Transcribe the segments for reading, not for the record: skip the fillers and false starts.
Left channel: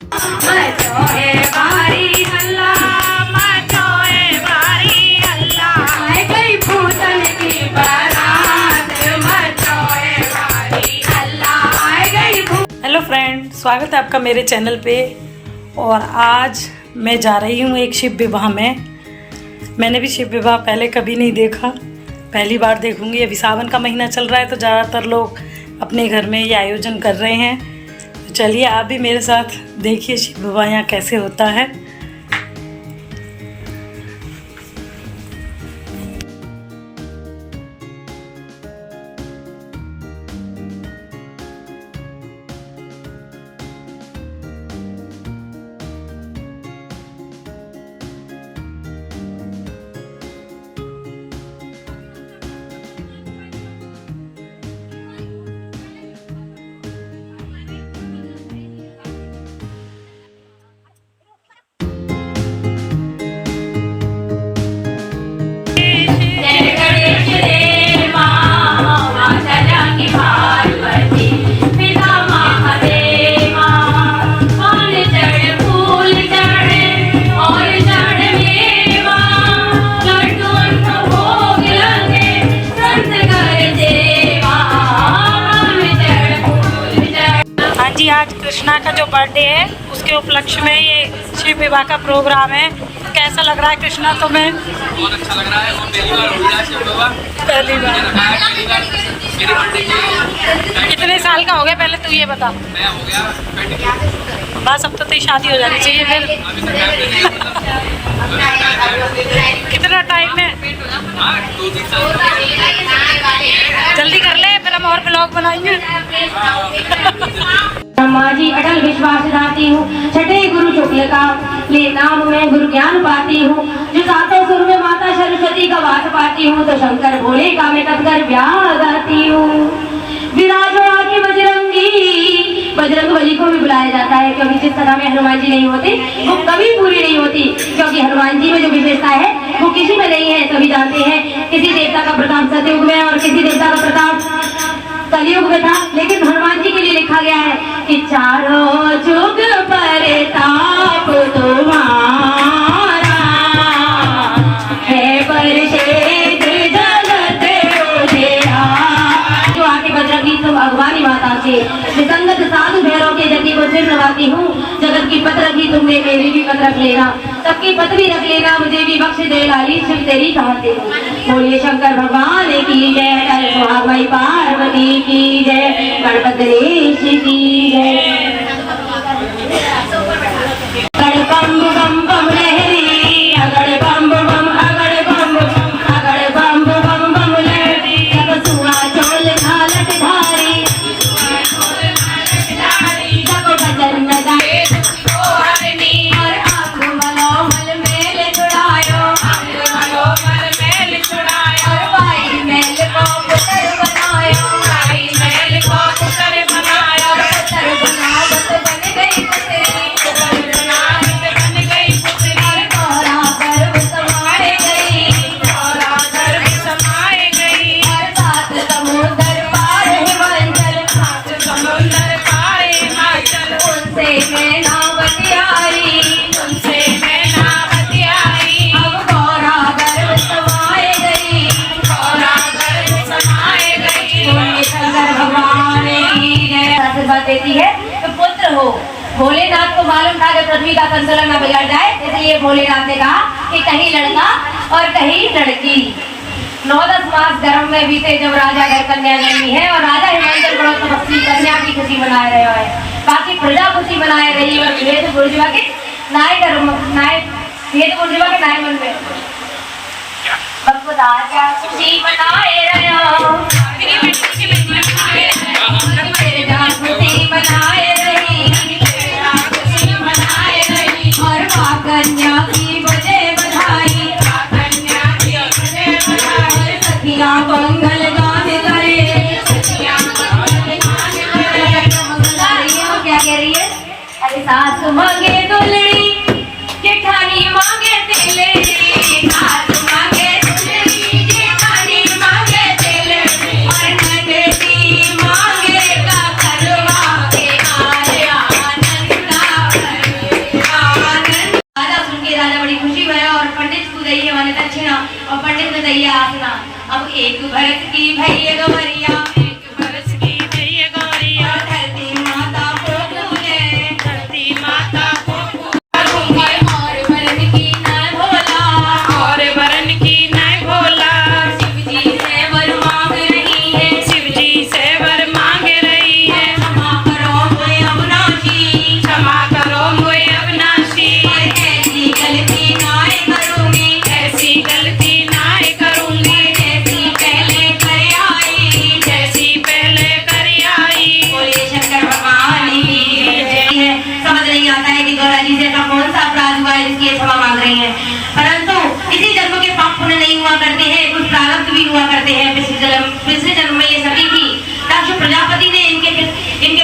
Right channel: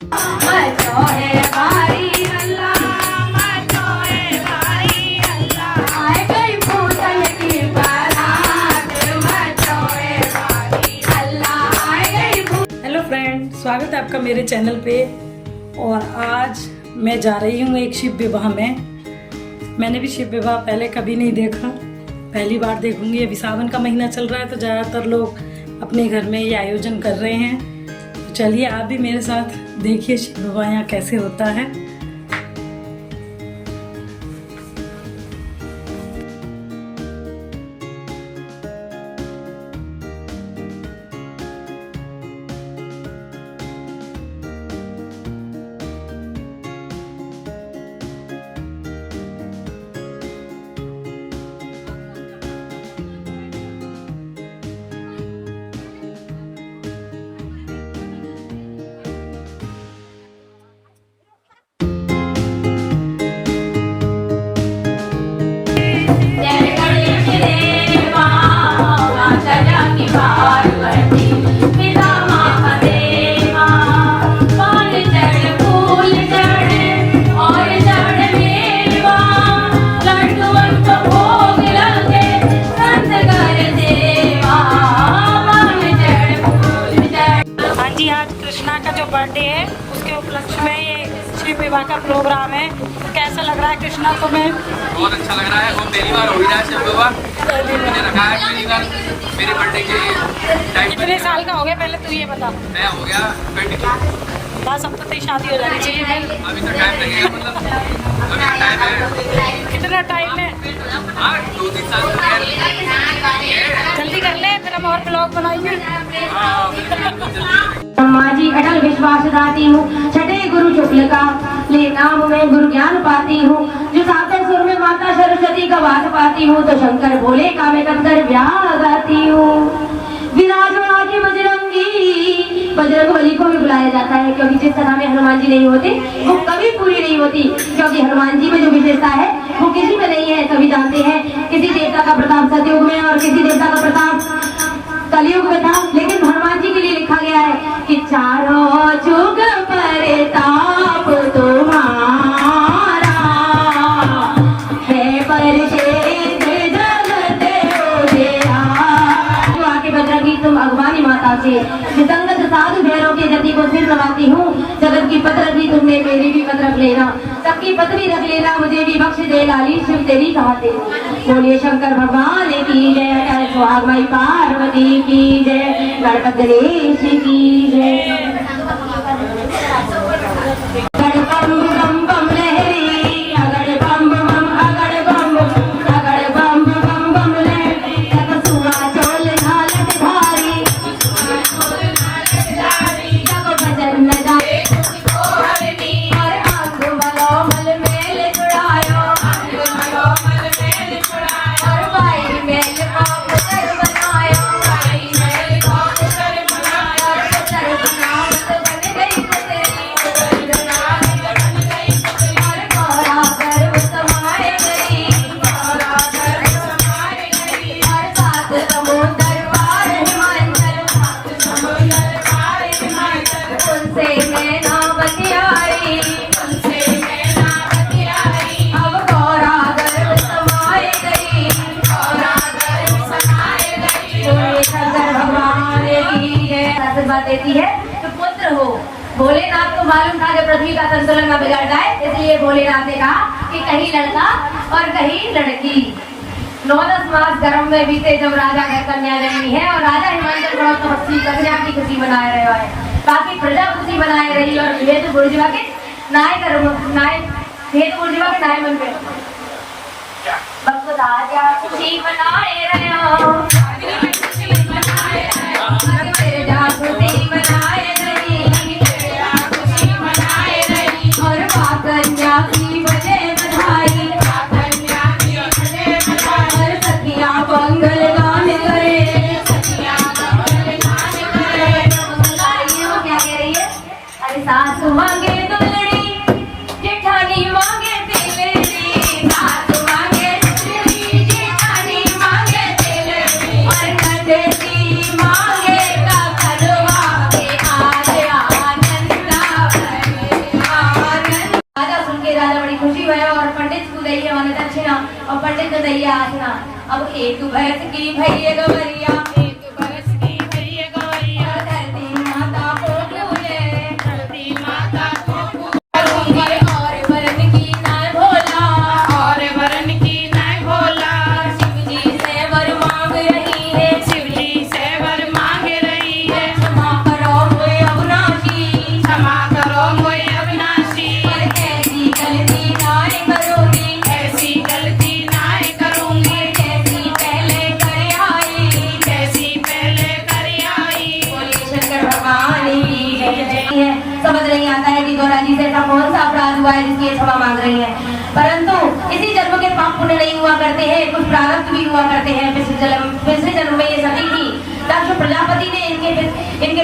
Hello friend, स्वागत है आपका मेरे चैनल पे। और आज मैं जा रही हूँ एक शिव विवाह में। मैंने भी शिव विवाह पहले कभी नहीं देखा, पहली बार देखूँगी। अभी सावन का महीना चल रहा है तो ज़्यादातर लोग अपने घर में ये आयोजन कर रहे हैं। तो चलिए आप भी मेरे साथ देखिए शिव विवाह यहाँ कैसे होता है। जी आज कृष्णा का जो बर्थडे है उसके उपलक्ष्य में ये शिव विवाह का प्रोग्राम है। कैसा लग रहा है कृष्णा तुम्हें? बहुत अच्छा लग रहा है। हम पहली बार हो रहा है शिव विवाह, पहली बार। मेरे बर्थडे के कितने साल का हो गया पहले तू ये बता? मैं हो गया 20। बस अब तो तेरी शादी हो जानी चाहिए फिर। अभी तक टाइम नहीं है। कितना टाइम है? 2-3 साल जल्दी कर ले फिर हम और ब्लॉग बनाएंगे। माजी अटल विश्वास दाती हूँ, छठे गुरु शुक्ल का ले नाम में गुरु ज्ञान पाती हूँ। जो सातों सुर में माता सरस्वती का वास पाती हूँ, तो शंकर भोले का मैं कर ब्याह गाती हूँ। विराजो आकी बजरंगी, बजरंग बली को भी बुलाया जाता है क्योंकि जिस तरह में हनुमान जी नहीं होते वो कभी पूरी नहीं होती। क्योंकि हनुमान जी में जो विशेषता है वो किसी में नहीं है, सभी जानते हैं। किसी देवता का प्रताप सतयुग में और किसी देवता का प्रताप कलयुग में था, लेकिन हनुमान जी के लिए लिखा गया है कि चारों जुग परताप तुम्हारा है, परिषेद जगत उजियारा। जो आके बजरंगी तुम अगवानी माता से विसंगत साधु भैरव के जति को सिर नवाती हूँ। जगत की पत रखी तुमने, मेरी भी पत रख लेना, सबकी पत भी रख लेना, मुझे भी बख्श दे लाली शिव तेरी चाहते हो। बोलिए शंकर भगवान की जय, कर सुहागवाई पार्वती की जय, गणपत गणेश की जय। गणपम बम बम लहरी, अगड़ बम बम अगड़ बम बम, अगड़ बम बम बम लहरी, सब सुहा चोल घालट धारी, सब भजन में गाए हरनी, और अंग मनोमल मेल जुड़ायो, अंग मनोमल मेल जुड़ायो, और भाई मेल को पुत्र बनायो, भाई मेल को पुत्र बनायो, पुत्र बनावत बन गई पुत्री, पुत्र बनावत बन गई पुत्री, गौरा गर्भ समाए गई, गौरा गर्भ समाए गई, सात समुद्र पार हिमाचल, सात समुद्र पार हिमाचल, उनसे मैं नावती आई, उनसे मैं नावती आई, अब गौरा गर्भ समाए गई, गौरा गर्भ समाए गई। बोले शंकर भगवान की जय। आशीर्वाद देती है तो पुत्र हो। भोलेनाथ को मालूम था कि पृथ्वी का संतुलन न बिगड़ जाए, इसलिए भोलेनाथ ने कहा कि कहीं लड़का और कहीं लड़की। 9-10 मास गर्भ में बीते जब राजा घर कन्या जन्मी है, और राजा हिमाचल बड़ा तपस्वी कन्या की खुशी मनाए रहे है, बाकी प्रजा खुशी मनाए रही है। और भेद बुर्जुआ के नाय मन में सबको राजा खुशी मनाए रहे हो, खुशी मनाए रही, और मां कन्या की बजे बधाई, और सखियां मंगल गान करे, क्या कह रही है? अरे सासु मांगे दुलड़ी, जेठानी मांगे तेलड़ी, सासु मांगे दुलड़ी, जेठानी मांगे तेलड़ी, और नंदनी मांगे का करवा के आए आनंद। खुशी भयो और पंडित को दइए माने दक्षिणा और पंडित ने दइए आसना। अब एक भरत की भैया गवरिया, एक बरस की भैया गौरिया, धरती माता को पूजे, धरती माता को करूंगी और वरण की नाय भोला, और वरण की नय भोला। शिव जी से वर मांग रही है, शिव जी से वर मांग रही है, क्षमा करो मोए अविनाशी, क्षमा करो मोए अविनाशी, ऐसी गलती नाय करूंगी, ऐसी गलती नाय करूंगी, जैसी पहले कर आई, जैसी पहले कर आई। बोलिए शंकर भगवान की जय है। समझ नहीं आता है कि गौरा जी से ऐसा कौन सा अपराध हुआ है जिसकी ये क्षमा मांग रही है, परंतु इसी जन्म के पाप पुण्य नहीं हुआ करते हैं, कुछ प्रारब्ध भी हुआ करते हैं। पिछले जन्म में ये सभी थी। दक्ष प्रजापति ने इनके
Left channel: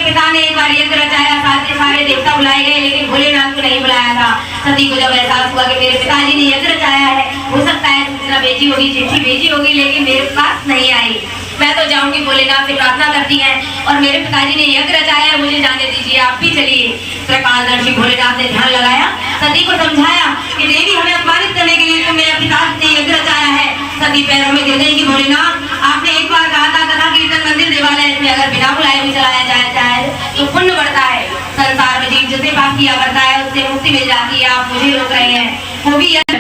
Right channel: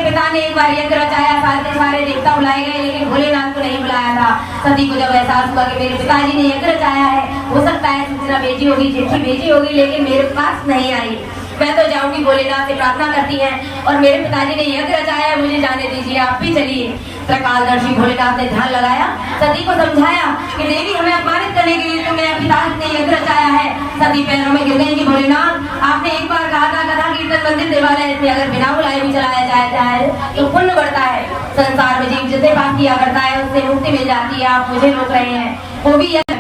पिता ने एक बार यज्ञ रचाया, सारे देवता बुलाए गए, लेकिन भोलेनाथ को नहीं बुलाया था। सती को जब एहसास हुआ कि मेरे पिताजी ने यज्ञ रचाया है, हो सकता है सूचना भेजी होगी, चिट्ठी भेजी होगी, लेकिन मेरे पास नहीं आई, मैं तो जाऊंगी। भोलेनाथ से प्रार्थना करती हैं और मेरे पिताजी ने यज्ञ रचाया है, मुझे जाने दीजिए, आप भी चलिए। त्रिकालदर्शी भोलेनाथ ने ध्यान लगाया, सती को समझाया कि देवी हमें अपमानित करने के लिए तुमने पिता ने यज्ञ रचाया है। सती पैरों में गिर गई कि भोलेनाथ आपने एक बार कहा था कथा कीर्तन मंदिर देवालय में अगर बिना बुलाए भी चलाया जाए तो पुण्य बढ़ता है। संसार में जीव जितने पाप किया करता है उससे मुक्ति मिल जाती है। आप मुझे रोक रहे हैं, वो भी आती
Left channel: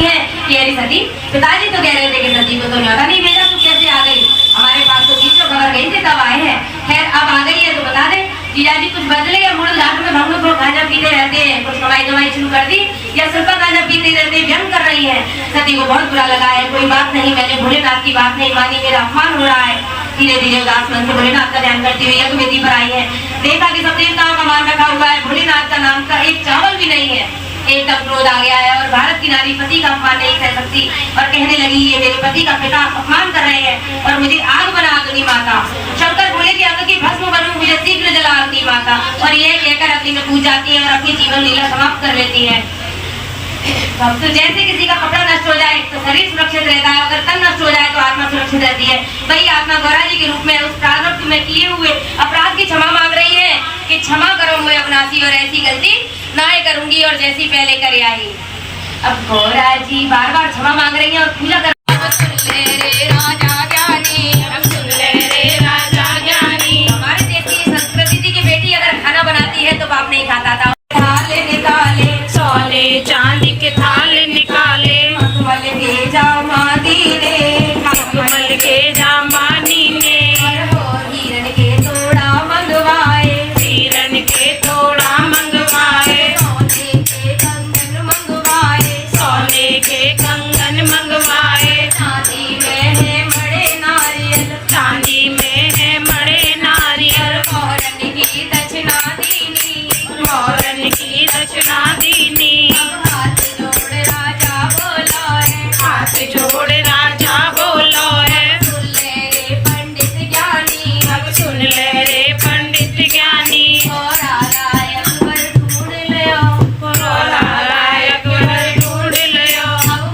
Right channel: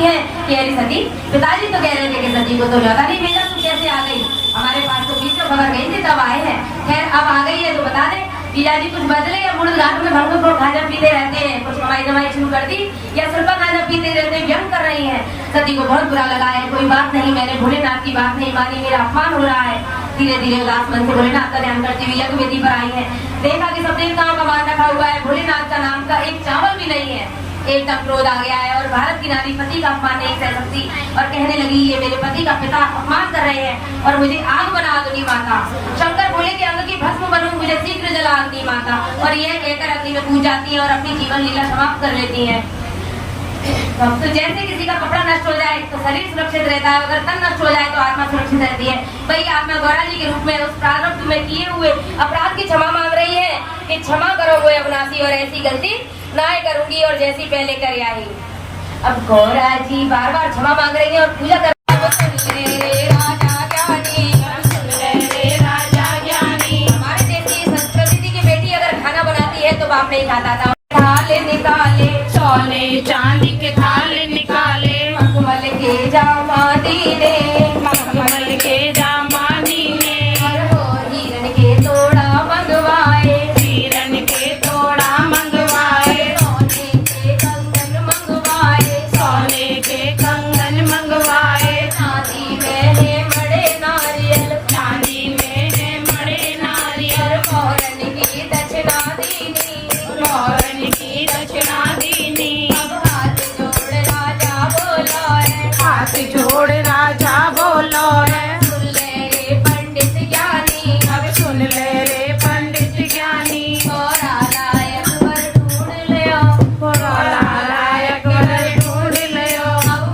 है कि अरे सती, पिताजी तो कह रहे थे कि सती को तो न्योता नहीं भेजा, तू कैसे आ गई? हमारे पास तो बीच में खबर गई थी, कब आए हैं? खैर अब आ गई है तो बता दे। जीजाजी कुछ बदले या मूर्त घाट में हम लोग गांजा पीते रहते हैं, कुछ कमाई जमाई शुरू कर दी या सिर्फ गांजा पीते रहते व्यंग कर रही है। सती को बहुत बुरा लगा है, कोई बात नहीं, मैंने भोलेनाथ की बात नहीं मानी, मेरा अपमान हो रहा है। धीरे धीरे उदास मन से भोलेनाथ का ध्यान करती हुई यज्ञ वेदी पर आई है। देखा कि सब देवताओं का मान रखा हुआ है, भोलेनाथ का नाम का एक चावल भी नहीं है। एकदम क्रोध आ गया है और भारत की नारी पति का अपमान नहीं सह सकती और कहने लगी ये मेरे पति का पिता अपमान कर रहे हैं और मुझे आग बना दूंगी माता। शंकर बोले कि अंग की भस्म बनूं, मुझे शीघ्र जला दूंगी माता। और यह कहकर अग्नि में कूद जाती है और अपनी जीवन लीला समाप्त कर लेती है। तो जैसे किसी का कपड़ा नष्ट हो जाए तो शरीर सुरक्षित रहता है, अगर तन नष्ट हो जाए तो आत्मा सुरक्षित रहती है। वही आत्मा गौरा जी के रूप में उस प्रारब्ध में किए हुए अपराध की क्षमा मांग रही है कि क्षमा करो मोए अविनाशी और ऐसी गलती ना ही करूंगी और जैसी पहले कर आई। अब गौरा जी बार बार क्षमा मांग रही है और पूजा कर सुन ले रे राजा ज्ञानी, सुन ले रे राजा ज्ञानी। हमारे देश की संस्कृति थी कि बेटी अगर खाना बनाती है तो बाप नहीं खाता था। थाल निकाले सोने चांदी के थाल निकाले, मखमल के जामा दीने, मखमल के जामानी ने, हिरण के तोड़ा मंगवाए, हिरण के तोड़ा मंगवाए, सोने के कंगन मंगवाए, सोने के कंगन मंगवाए, चांदी में है मड़े नारियल, चांदी में है मड़े नारियल, मोहरन की दक्षिणा दीनी, मोहरन की दक्षिणा दीनी। हाथ जोड़ राजा बोलो है, हाथ जोड़ राजा बोलो है, सुन ले रे पंडित ज्ञानी, अब सुन ले रे पंडित ज्ञानी, गौरा लायक वर ढूंढ लियो, लायक वर ढूंढ लियो। अब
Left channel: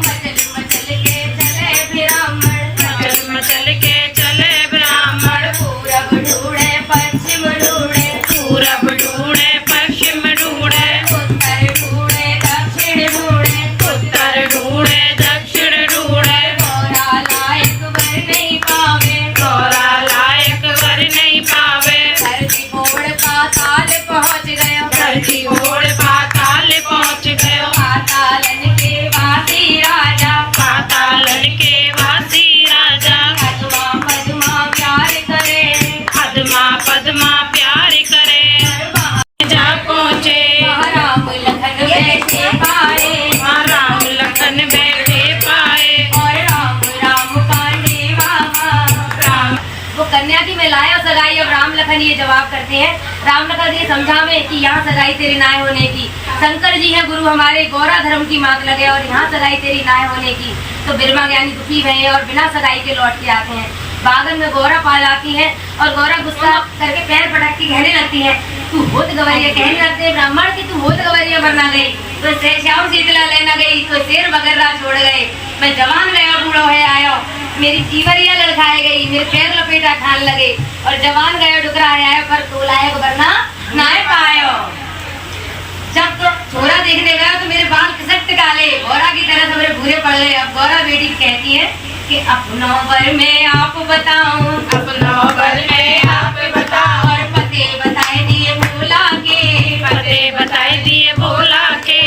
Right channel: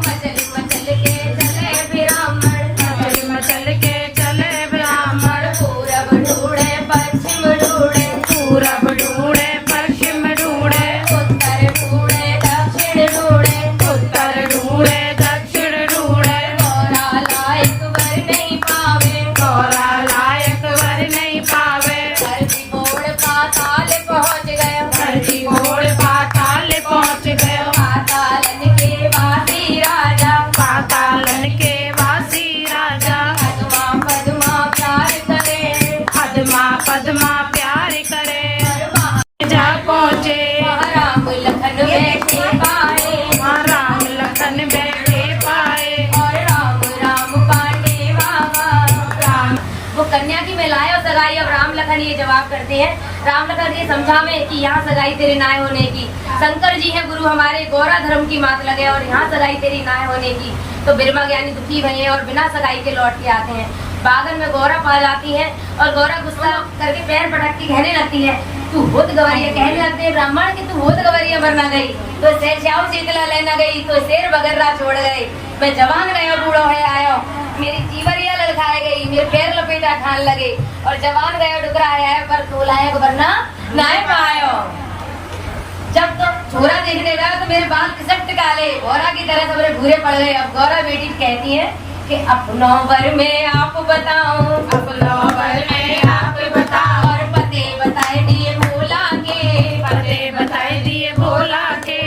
मचल के चले ब्राह्मण, मचल मचल के चले ब्राह्मण, पूरब ढूंढे पश्चिम ढूंढे, पूरब ढूंढे पश्चिम ढूंढे, उत्तर ढूंढे दक्षिण ढूंढे, उत्तर ढूंढे दक्षिण ढूंढे, गौरा लायक वर नहीं पावे, गौरा लायक वर नहीं पावे। धरती मोड़ पाताल पहुंच गयो, धरती ओढ़ पाताल पहुंच गयो, पातालन के वासी राजा, पातालन के वासी राजा, पद्मा पद्मा प्यार करे, पद्मा पद्मा प्यार करे। जा पहुँचे राम लखन बैठे पाए, राम लखन बैठे पाए, और राम राम पांडे बाबा। राम वो कन्या की मैं लाए और सगाई। अब राम लखन ये जवाब करते हैं, राम लखन ये समझावे कि यहाँ सगाई तेरे नाय होने की। शंकर जी है गुरु हमारे, गौरा धर्म की मात लगे और यहाँ सगाई तेरी नाय होने की। तो बिरमा ज्ञानी दुखी भये और बिना सगाई के लौट के आते हैं। बागन में गौरा पा जाती है और गौरा गुस्सा करके पैर पटक के कहने लगती है तू होत गवरिया। कहने लगते हैं ब्राह्मण की तू होत गवरिया बनना गई तो श्याम शीतला लेना गई तो शेर बगर्रा छोड़ गए। मैं जवान गया बूढ़ो है आयो, मेरी जीवरिया लड़खाए गई, मेरे पैर लपेटा ठान लगे और जवान गया डुकरा आया पर तू लायक बनना नाय पायो। जब तो छोरा देखने गया तो मेरे गए, गौरा की तरह सबरे भूरे पड़ गए। अब गौरा बेटी कहती है कि अपनों पर मैं आप बताऊं, अपनों पर मैं आप बताऊं, और पते बताए दिए भोला के, पते बताए दिए भोला के,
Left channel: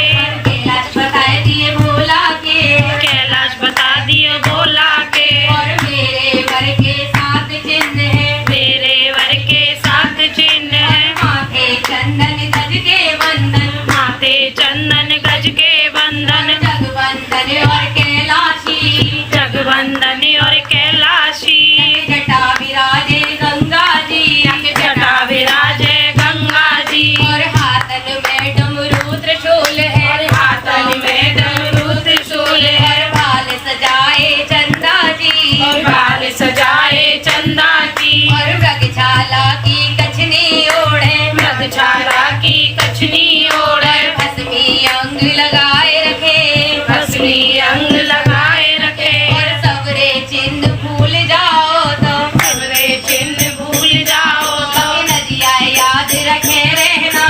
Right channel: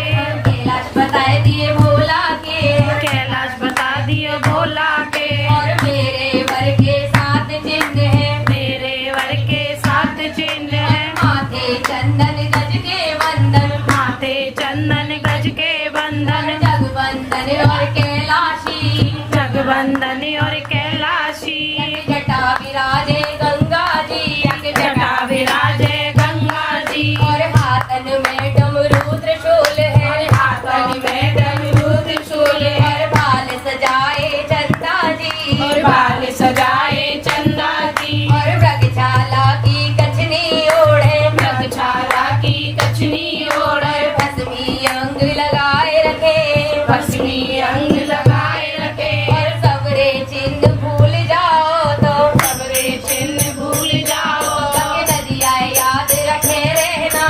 कैलाश बताए दिए भोला के, कैलाश बता दिए भोला के, और मेरे वर के साथ चिन्ह है, मेरे वर के साथ चिन्ह है, माथे चंदन गज के बंधन, माथे चंदन गज के बंधन, जगबंधन और कैलाशी, जगबंधन और कैलाशी, जटा विराजे गंगा जी, जटा विराजे गंगा जी, और हाथन में डमरू त्रिशूल है, और हाथन में डमरू त्रिशूल है, और बाल सजाए चंदा जी, और बाल सजाए चंदा जी, और मृगशाला की कछनी ओढ़े, मृगशाला की कछनी ओढ़े, भस्मी अंग लगाए रखे, भस्मी अंग लगाए रखे, और सबरे चिन्ह भूल जाओ तो, सबरे चिन्ह भूल जाओ तो, नदिया याद रखे रहना,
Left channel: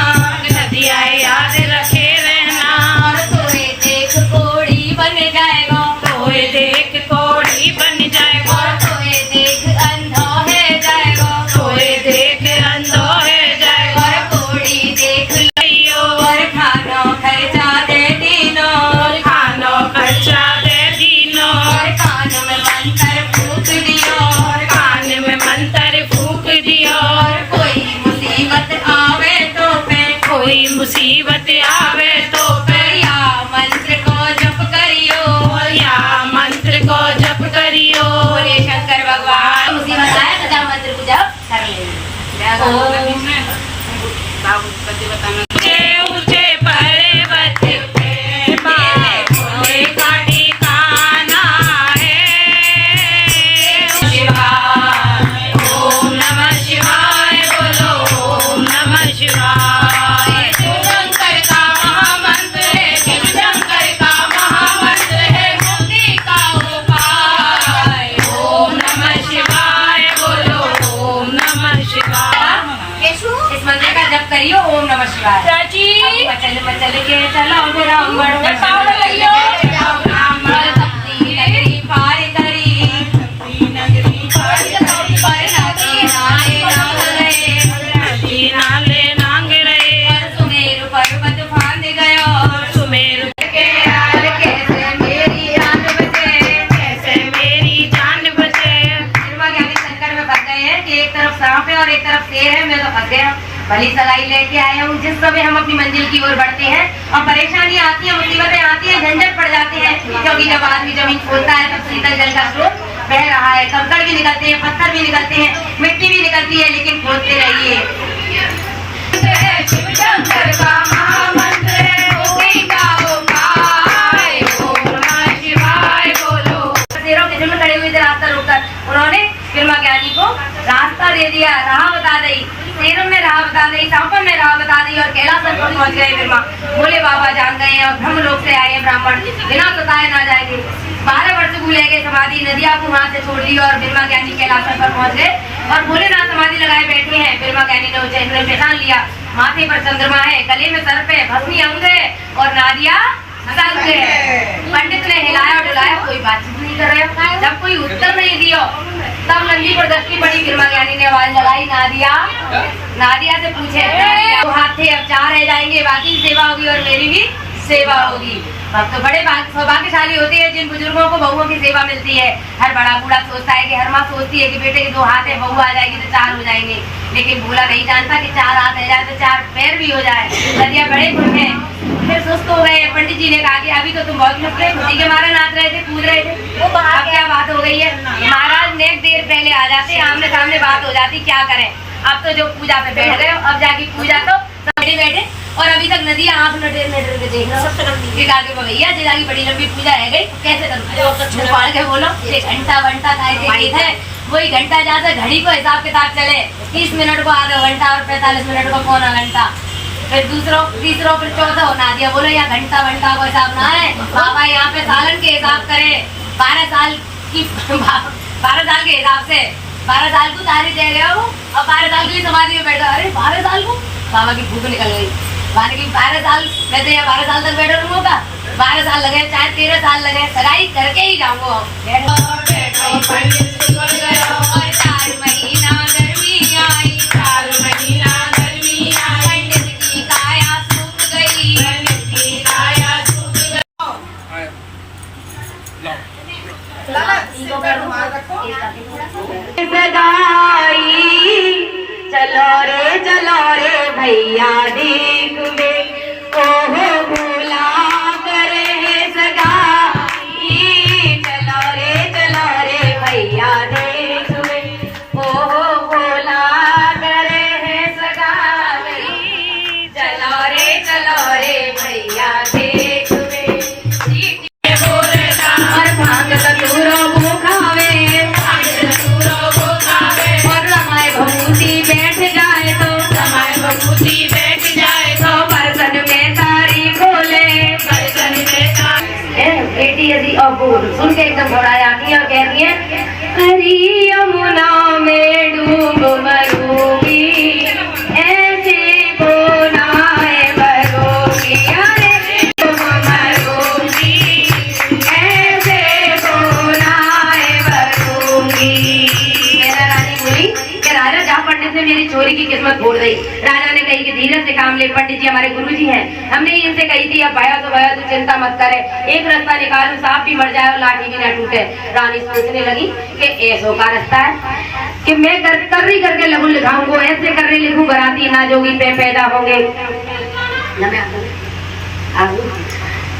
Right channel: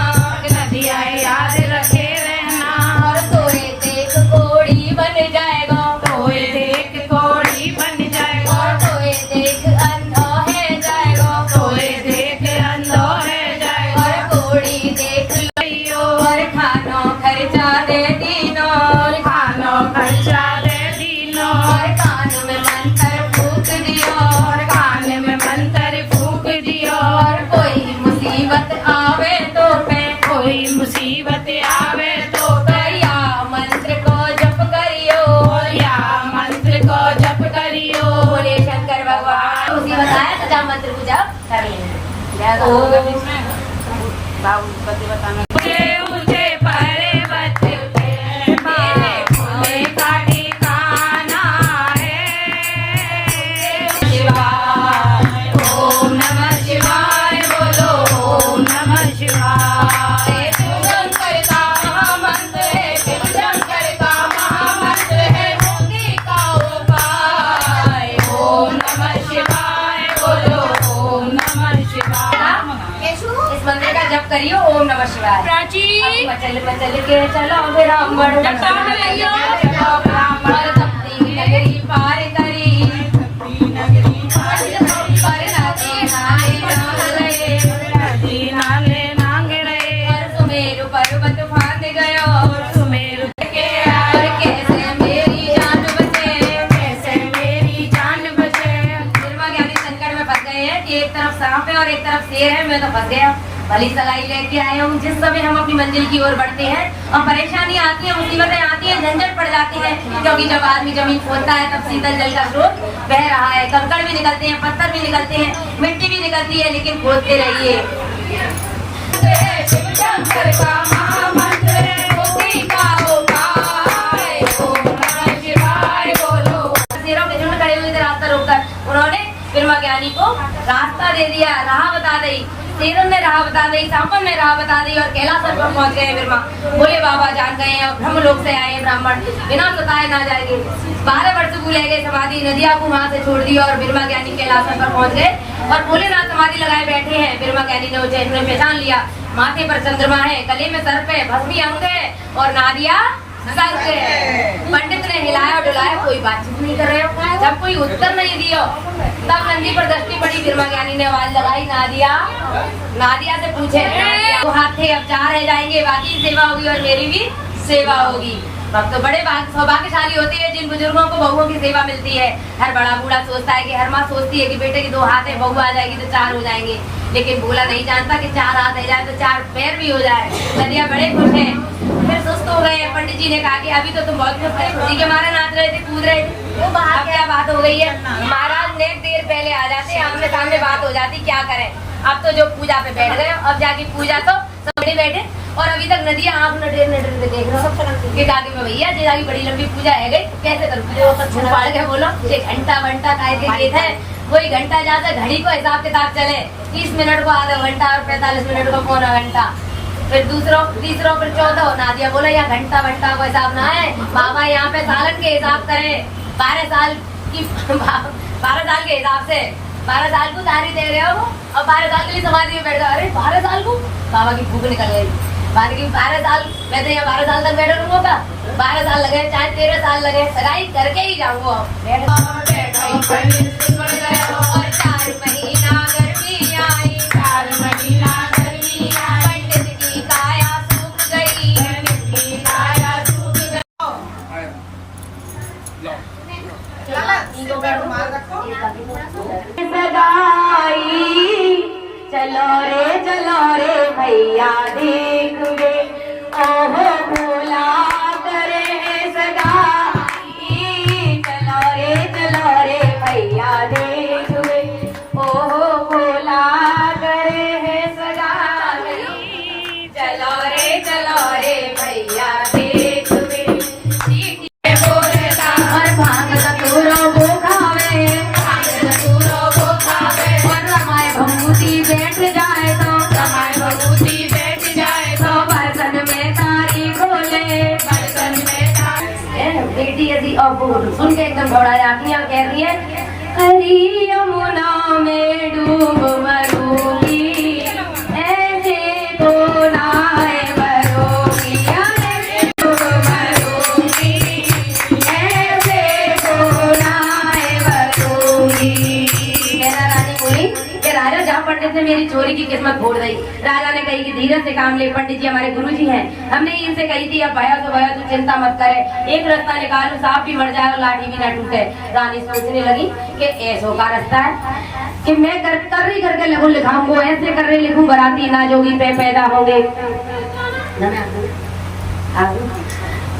नदिया याद रखे रहना, और तोए देख कोड़ी बन जाएगा, कोई देख कोड़ी बन जाएगा, और तोए देख अंधो है जाएगा, कोई देख अंधो है जाएगा, और कोड़ी देख लियो, और खानो खर्चा दे दीनो, खानो खर्चा दे दीनो, और कान में मंत्र फूक दियो, और कान में मंत्र फूक दियो, और कोई मुसीबत आवे तो पे, कोई मुसीबत आवे तो या मंत्र को जप करियो, या मंत्र को जप करियो, बोले शंकर भगवान। मुसीबत आए तो जा मंत्र को जप कर लेंगे। ऊंचे ऊंचे पर्वत पे बाबे का ठिकाना है, शिवाय ओम नमः शिवाय, बोलो ओम नमः शिवाय, शंकर का महामंत्र है, शिव शंकर का महामंत्र है, मुक्ति का उपाय। ओम नमः शिवाय, बोलो ओम नमः शिवाय। इस मंत्र का जप करियो, ओम नमः शिवाय। प्राची चल के चलो ब्राह्मण, ब्राह्मण भक्ति नगरी पार करी, पर नदी नाले नाग रहे, नदी नाले नांग रहे, और सुमेरु पर्वत फांद गयो, सुमेरु और कैसे मेरी जान बचे। कैसे मेरी जान बचे। निर्मा ज्ञानी संकट में फंस गए हैं कि एक तरफ सांप है और एक तरफ शेर है, मैं तो फंस गया। भली सलाई लेके आया हूँ। जिस समय हम अपनी मंजिल की ओर बढ़ते हैं और परेशानी आती है, मुसीबतें आती है, झंझट पड़ जाते हैं, क्योंकि जब आदमी जमीन खोदता है तब शीतल जल का स्रोत बह रहा है, कंकड़ भी निकलते हैं, पत्थर भी निकलते हैं, मिट्टी भी निकलती है, लेकिन खोदते रहिए। शिव शंकर का महामंत्र है, मुक्ति का उपाय। ओम नमः शिवाय, बोलो। शेरों के झुंड खड़े हुए थे रास्ता रोककर, उन्होंने निर्मा ज्ञानी को रास्ता दे दिया, राह बता दी। शेरों ने राह बता दी, सांपों ने राह बता दी, और कैलाश पर पहुंच गए बिरमा। बोले बाबा जान गए हैं और ब्रह्म लोक से आए ब्राह्मण, बिना बताए ना जाएंगे। 12 वर्ष को ले गए समाधि, नदिया को वहां से छोड़ दी और बिरमा ज्ञानी कैलाश पर पहुंच गए और भोलेनाथ समाधि लगाए बैठे हैं। बिरमा ज्ञानी ने उसे पहचान लिया, माथे पर चंद्रमा है, गले में सर्प है, भस्मी अंग है और नादिया संग है। पंडित ने हिलाया डुलाया, कोई बातचीत नहीं कर रहे हो। जब कोई उत्तर नहीं दियो तब नंदी पर दृष्टि पड़ी। बिरमा ज्ञानी ने आवाज लगाई, नादिया। नादिया से पूछे, नादिया तो हाथ थे, अब 4 रह जाएंगे, बाकी सेवा होगी और मेरी भी सेवा होगी। तो बड़े सौभाग्यशाली होते हैं जिन बुजुर्गों को बहुओं की सेवा मिलती है। हर बड़ा बूढ़ा सोचता है कि हर माँ सोचती है कि बेटे के 2 हाथ है, बहू आ जाएगी तो 4 हो जाएंगे, लेकिन भोला नहीं जानता कि 4 हाथ रह जाए तो 4 पैर भी हो जाए। नदिया बड़े खुश हैं, फिर सुस्त हो गए। पंडित जी ने कहा कि अभी तो तुम बहुत खुश थे, खुशी के मारे नाच रहे थे, कूद रहे थे, अब क्या बात हो गई है? महाराज ने देर पहले आ जाते, आमने सामने बात हो जाती, क्या करें? अब तो जो पूजा पे बैठ गए, अब जाके पूजा तो सब बैठे और अभी तक नदिया आंख नटेर नटेर के देख रहा हूँ। भैया जिला की बड़ी लंबी पूजा है गई, कैसे करूँ? फाड़ के बोलो, एक घंटा वंटा काय है, वही घंटा जहाँ से घड़ी को हिसाब किताब चले, 30 मिनट को आधा घंटा और 45 मिनट को पौना घंटा, फिर दूसरों तीसरों फिर 14 नादिया बोले या घंटा वंटा को हिसाब ना है बाबा, यहाँ पे सालन के हिसाब करे, 12 साल की 12 साल के हिसाब से 12 साल को तारी दे रहे हो और 12 साल के लिए समाधि में बैठ गए। अरे 12 साल को बाबा की भूख निकल गई। बाकी 12 साल मैं तो यहाँ 12 साल तक बैठा रहूंगा। 12 साल लगे चाहे 13 साल लगे, सगाई करके ही जाऊंगा। और 4 महीना गर्मी आई, 4 महीना गर्मी आई, पंडित की काया सूख गई, पंडित की काया सूख गई। चलो रे भैया देख वे, ओहो भोला करे है सगाई। चलो रे भैया देख वे, ओहो भोला करे है सगाई। चलो रे भैया देख वे, और भांग कतूरो वो खावे, और रमाए भभूति बैठ जाए तो, बर्तन में तारी बोले, बेटी यदि अब सुन के एकदम घोड़ाया किया, कहती है हरी यमुना में डूब मरूंगी, ऐसे को नाए मरूंगी, अरे डूब मरूंगी, ऐसे को नाए मरूंगी। मैना रानी बोली कि राजा जा पंडित ने मेरी चोरी की किस्मत फोड़ दी। राजा ने कही कि धीरे से काम ले, पंडित जी हमारे गुरुजी हैं, हमने इनसे कही थी अब भया तो भया, तू चिंता मत करे, एक रास्ता निकालू, सांप भी मर जाए और लाठी भी ना टूटे। रानी सोचने लगी कि ऐसो का रास्ता है कि मैं कर्री करके लघु लिखाऊंगा, ऐसे कर्री लिखूं बराती ना जोगी पे पैदा होंगे,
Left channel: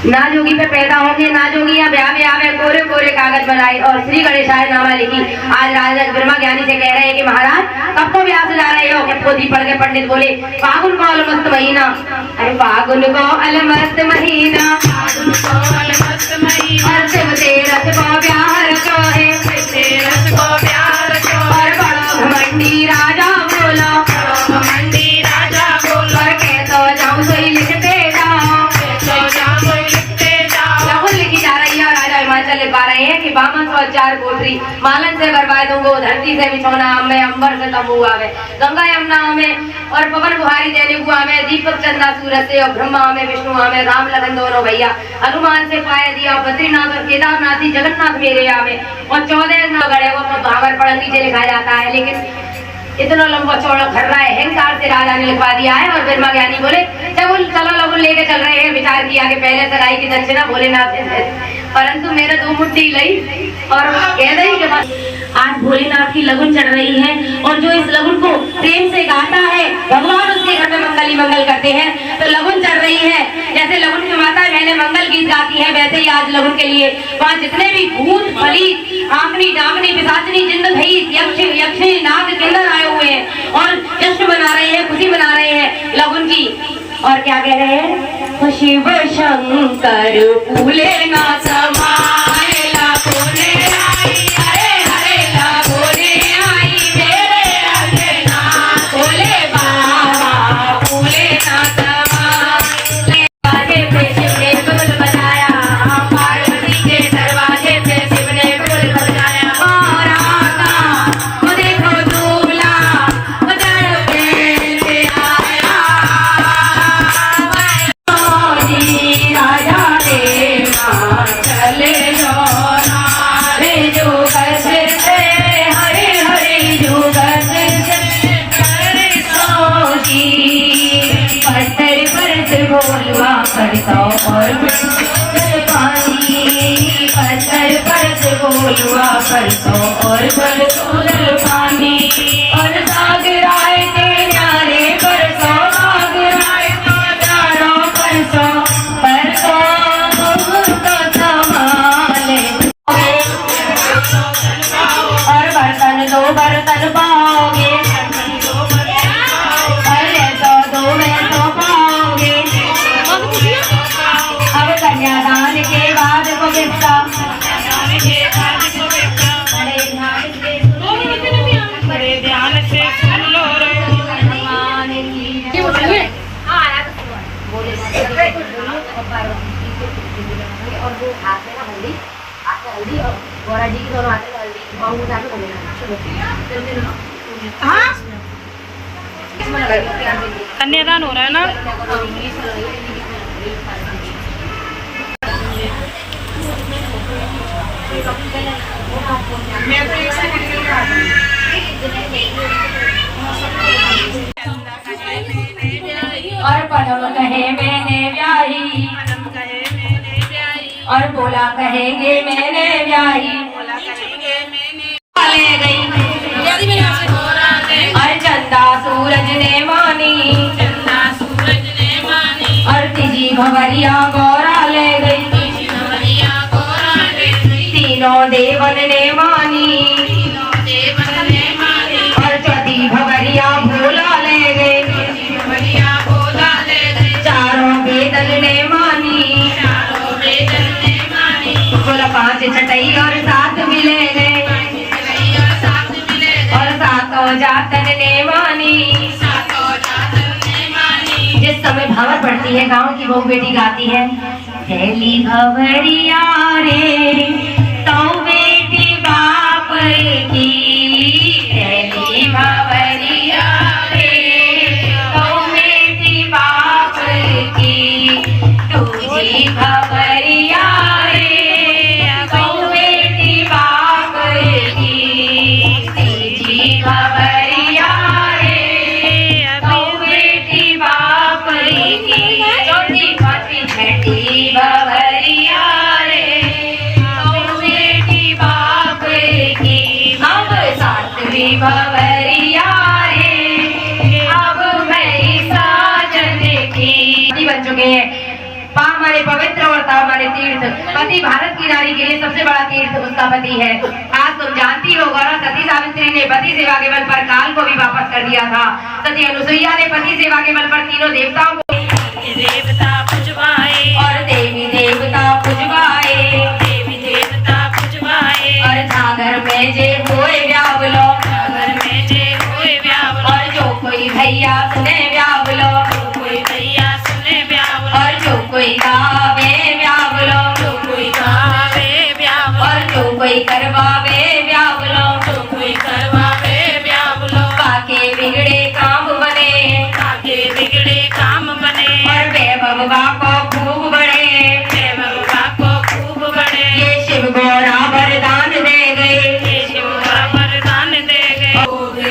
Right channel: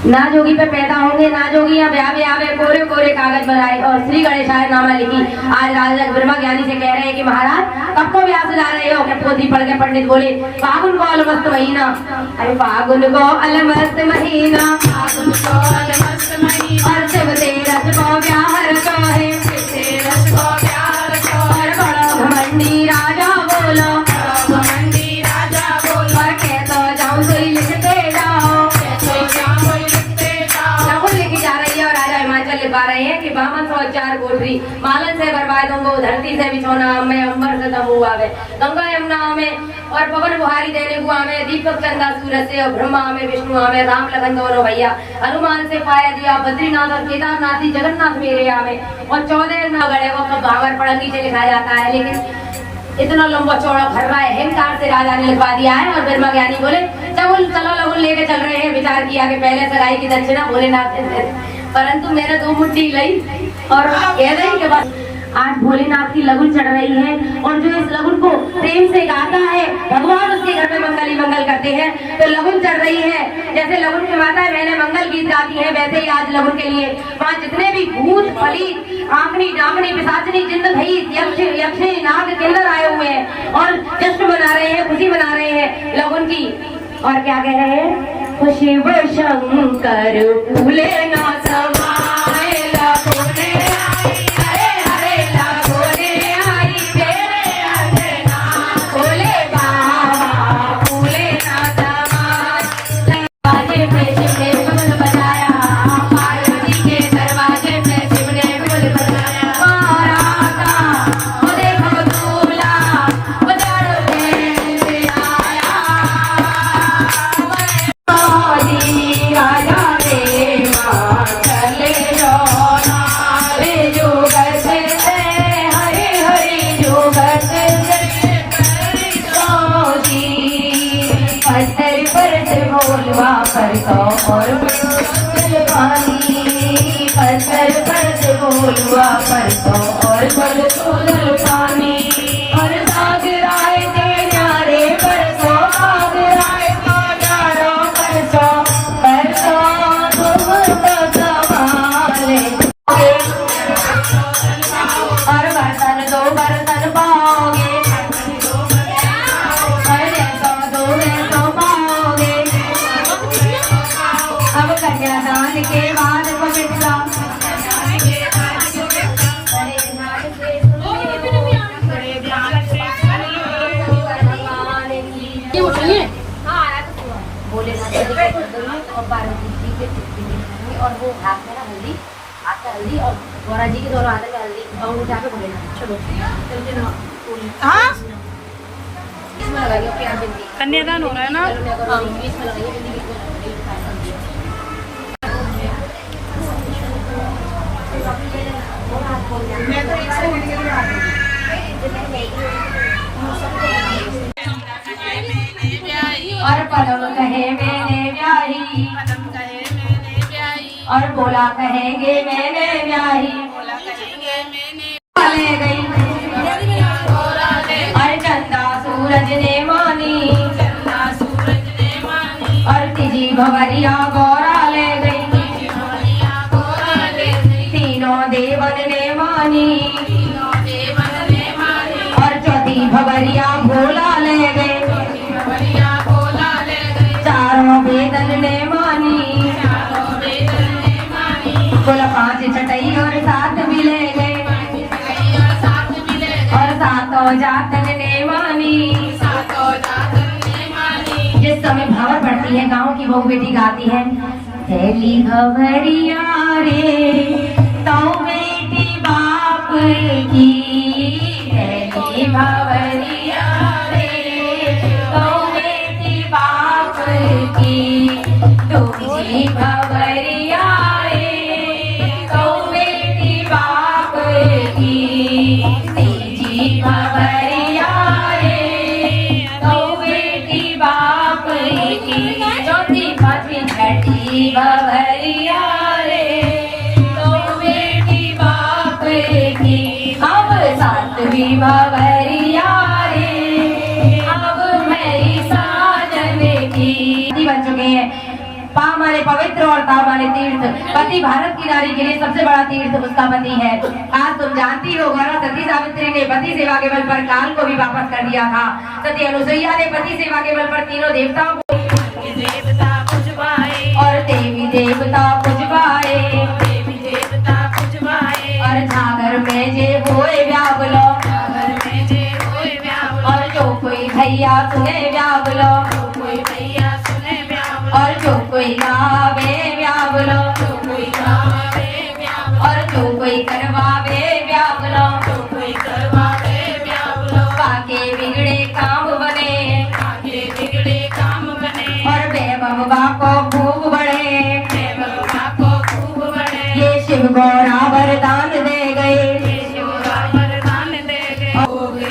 ना जोगी पे पैदा होंगे, ना जोगी या ब्याह ब्याह में कोरे कोरे कागज बनाए और श्री गणेशाय नामा लिखी। आज राजा ब्रह्मा ज्ञानी से कह रहे हैं कि महाराज कब को ब्याह सजा रहे हो? क्या पोथी पढ़ के पंडित बोले फागुन को अलमस्त महीना, अरे फागुन को अलमस्त महीना, और शिव तेरस को ब्याह रखो है, और बड़ो घमंडी राजा बोलो, और कह तो जाऊं तो ही लिखते जाओ। लिखी जा रही है और राजा हिमाचल लिख पा रहे हैं कि बामन 104 कोठरी मालन से बरवाए दूंगो, धरती से बिछोना में, अंबर से तंबू आवे, गंगा यमुना में और पवन बुहारी देने हुआ में, दीपक चंदा सूरज से और ब्रह्मा में, विष्णु में, राम लगन दोनों भैया, हनुमान से पाया दिया, बद्रीनाथ और केदारनाथ ही जगन्नाथ मेरे आवे, और 14 गड़े को तो भावर पड़ंगी से लिखा जाता है। लेकिन इतना लंबा चौड़ा खर्रा है, अहंकार से राजा ने लिखवा दिया है। और ब्रह्मा ज्ञानी बोले चलो लघुन लेके चल रहे हैं। विचार किया कि पहले सगाई की दक्षिणा भोलेनाथ से दे, परंतु मैंने 2 मुट्ठी ली और कह रही के बाद आज भोलेनाथ की लगुन चढ़ रही है, और जो इस लगुन को प्रेम से गाता है भगवान उसके घर में मंगल ही मंगल करते हैं। तो लगुन चढ़ रही है, जैसे लगुन की माता मैंने मंगल गीत गाती है, वैसे ही आज लगुन के लिए वहाँ जितने भी भूत फलीत आंकनी डांकनी पिशाचनी जिन्न भईत यक्ष यक्षी नाग किन्नर आए हुए हैं और जश्न मना रहे हैं, खुशी मना रहे हैं लगुन की। और क्या कह रहे हैं? शिव शंकर फूले नाथ मायला कोने आई, हरे हरे लागोने आई, तेरे अंजना भोले बाबा फूले नाथ दरवाजे पे शिव ने ढोल बजाया, पार्वती के दरवाजे पे शिव ने ढोल बजाया, बाराता वो देखो दूल्हा उजड़ में से आया, राजा ने मां चले रोना रे जुगर से हरे हरे जुगर से हरे सोजी पत्थर पर बोलवा करता और पानी, पत्थर पर बोलवा करता और बल पानी, और सागराए के नारे बरसो आगराए हजारों बरसो बरसो तुमको संभाले, और बर्तन 2 बर्तन पाओगे, अरे तो 2 में तो पाओगे। अब कन्यादान के बाद पवित्र बड़े ध्यान से सुन लो रे। और वो हाथ में ना हल्दी, हाथ में हल्दी और गौरा जी की दोनों हाथ में हल्दी और उठा के बोलेना। चलो हाँ कन्यादान हो रहा है ना। और पदम कहे मैंने ब्याही, पदम कहे मैंने ब्याही, और बोला कहेंगे मैंने ब्याही, बोला कहेंगे मैंने ले गई और चंदा सूरज ने मानी, चंदा सूरज ने मानी, और तीजी भवरिया गौरा ले गई, भैया गोरा ले गई, तीनों देवन ने मानी, देवन ने मानी, और चौथी भवरिया भोला ले गए, भैया बोला ले गई, चारों बेदल ने मानी, चारों बेदन ने मानी, कुल 5 छठई और 7 भी ले गए, भैया साथ मिले, और 7 जातन ने मानी। सातों जातन ने मानी। जिस समय भावर पड़ती है, गांव की बहू बेटी गाती है, पहली भवरिया रे तो बेटी बाप की, पहली भवरिया रे तो बेटी बाप की, दूजी भवरिया रे तो बेटी बाप की, तीजी भवरिया रे तो बेटी बाप की, चौथी पांचवी छठी भवरिया रे तो बेटी बाप की, अब 7वीं भवरिया रे अब मेरी साजन की। बन चुके हैं। पा माने पवित्र और ता माने तीर्थ। पति भारत की नारी के लिए सबसे बड़ा तीर्थ उसका पति है। आज तुम जानती हो गौरव, सती सावित्री ने पति सेवा के बल पर काल को भी वापस कर दिया था। सती अनुसुईया ने पति सेवा के बल पर तीनों देवताओं को देवता पुजवाए, और देवी देवता पुजवाए, देवी देवता पुजवाए, और सागर में जे होए व्यावलो, सागर में जे होए व्यावल, और जो कोई भैया सुने व्यावलो, कोई भैया सुने व्यावल, और जो कोई गावे व्यावलो, कोई गावे व्यावल, और जो कोई करवावे व्यावलो, कोई करवावे व्यावल, पाके बिगड़े काम बने, आगे बिगड़े काम बने, और वैभव को खूब बढ़े। बाबा को खूब बड़े, ये शिव गौरा वरदान दे गए, शिव वरदान दे गए,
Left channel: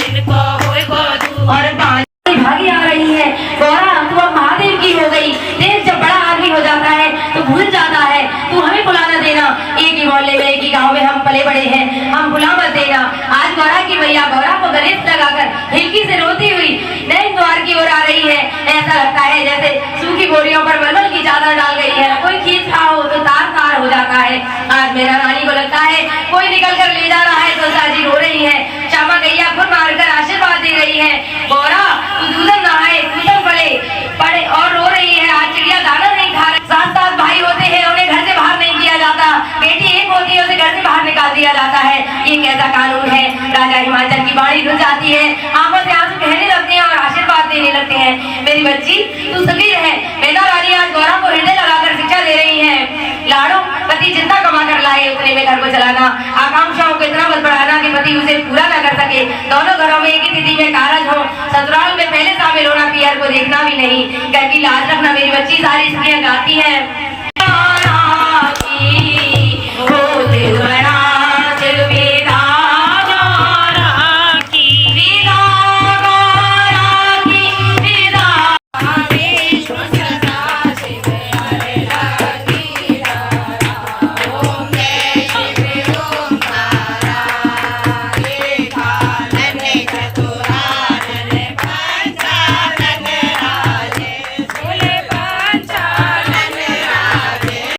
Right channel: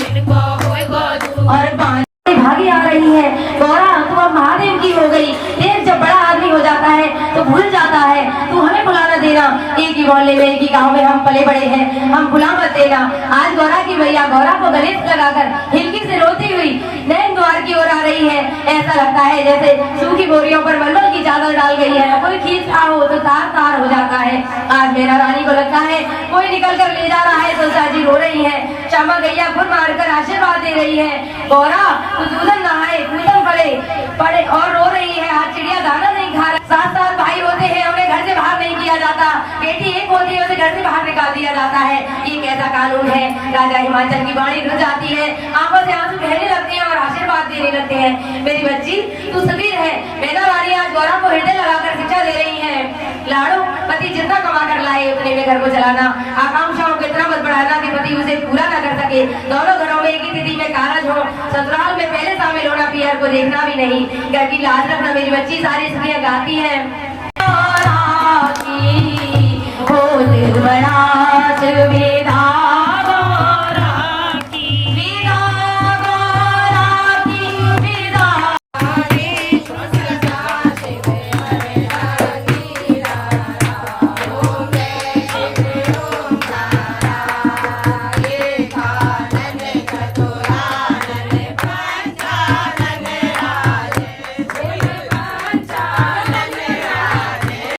इनको होए गोदू, और 5 भागी आ रही है। गौरा तू अब महादेव की हो गई। देख जब बड़ा आदमी हो जाता है तो भूल जाता है। तू हमें बुला न देना। एक ही मोहल्ले में, एक ही गांव में हम पले बड़े हैं, हम बुला मत देना। आज गौरा की मैया गौरा को गणेश लगाकर हिलकी से रोती हुई नैन द्वार की ओर आ रही है। ऐसा लगता है जैसे सूखी बोरियों पर मलमल की चादर डाल गई है। कोई खींच रहा हो तो तार तार हो जाता है। आज मेरा रानी को लगता है कोई निकल कर ले जा रहा है। तुलसा जी रो रही है। श्यामा गैया फुर मारकर आशीर्वाद दे रही है। गौरा तू दूधन नहाए, दूधन पड़े और रो रही है। आज चिड़िया दाना नहीं खा रही। 7 भाई होते हैं, उन्हें घर से बाहर नहीं किया जाता। बेटी एक होती है, उसे घर से बाहर निकाल दिया जाता है। ये कैसा कानून है। राजा हिमाचल की बाणी रुक जाती है, आंखों से आंसू बहने लगते हैं और आशीर्वाद देने लगते हैं। मेरी बच्ची तू सुखी रहे। मेरा रानी आज गौरा को हृदय लगाकर शिक्षा दे रही है। लाड़ो, पति जितना कमा कर लाए उतने में घर को चलाना। आकांक्षाओं को इतना मत बढ़ाना कि पति उसे पूरा न कर सके। दोनों घरों में एक ही तिथि में कारज हो। ससुराल में पहले शामिल होना, पियर को देखना भी नहीं। कहती लाज रखना मेरी बच्ची। सारी स्त्रियां गाती है